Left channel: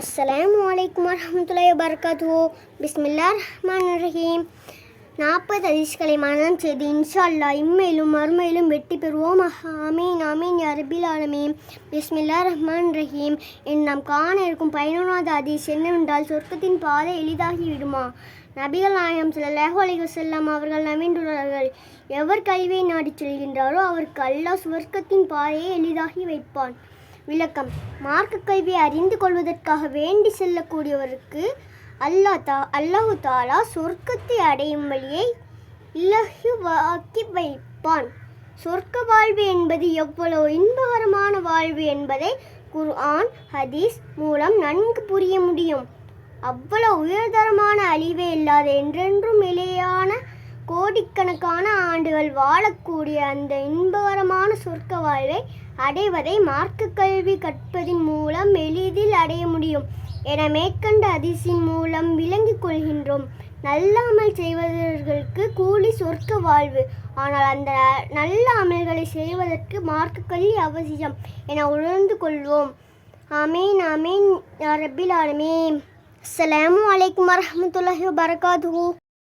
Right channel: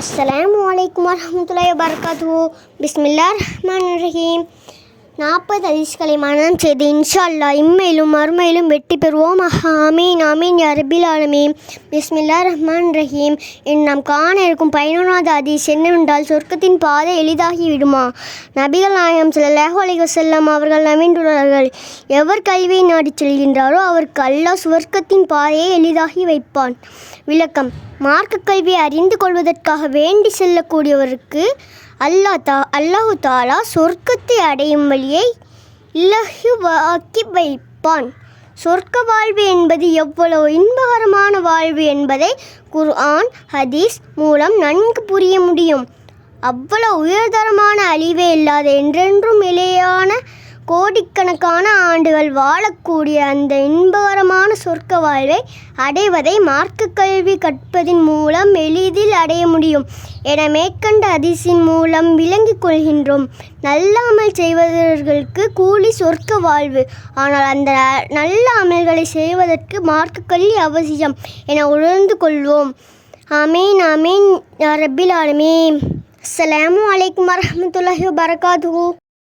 அஸ்ஸலாமு அலைக்கும் வரஹ்மத்துல்லாஹி வபரகாத்துஹு. பிஸ்மில்லாஹிர்ரஹ்மானிர்ரஹீம். 40 ஹதீஸ்களை மனனம் செய்து இன்ஷா அல்லாஹ் இம்மையிலும் மறுமையிலும் வெற்றி பெறுவோம். ஆமீன் ஆமீன் யா ரப்பில் ஆலமீன். பிஸ்மில்லாஹிர்ரஹ்மானிர்ரஹீம். நாம் காண இருக்கும் 11வது ஹதீஸ் என்னவென்றால், சொர்க்கத்தின் பாதை எளிதாகி விடுமா? நபிகள் நாயகம் ஸல்லல்லாஹு அலைஹி வஸல்லம் அவர்கள் நவின்றுள்ளார்கள், எவர் கல்வியை நாடிச் செல்கின்றாரோ அவருக்கு அல்லாஹ் சொர்க்கத்தின் பாதையை எளிதாகி வைப்பான். விளக்கம்: மார்க்க கல்வியை அறிந்து கொள்வதற்காக வேண்டி செல்லக்கூடியவருக்கு அல்லாஹு தாலா சொர்க்கத்தை அடையும் வழியை இலகுவாக்கி வைப்பான். சொர்க்க வாழ்வு என்பது எவ்வளவு இன்பகரமான வாழ்வு என்பதை குர்ஆன் ஹதீஸ் மூலம் நன்கு புரிய முடியும். அவ்வளவு உயர்தரமான அழிவே இல்லாத என்றென்றும் நிலையான கோடிக்கணக்கான ஆண்டுகள் வாழக்கூடிய அந்த இன்பகரமான சொர்க்க வாழ்வை அடைவதை மார்க்க கல்வி கற்பதின் மூலம் எளிதில் அடைய முடியும் என மேற்கண்ட ஹதீஸின் மூலம் விளங்கிக் கொள்கின்றோம். நல்ல அமல் செய்வதற்கு கூலி சொர்க்க வாழ்வு. ஆனால் அந்த நல்ல அமல்களை செய்வதற்கு மார்க்க கல்வி அவசியம் என உணர்ந்து கொள்வோம். ஆமீன் ஆமீன் யா ரப்பில் ஆலமீன். அஸ்ஸலாமு அலைக்கும் வரஹ்மத்துல்லாஹி வபரகாத்துஹு.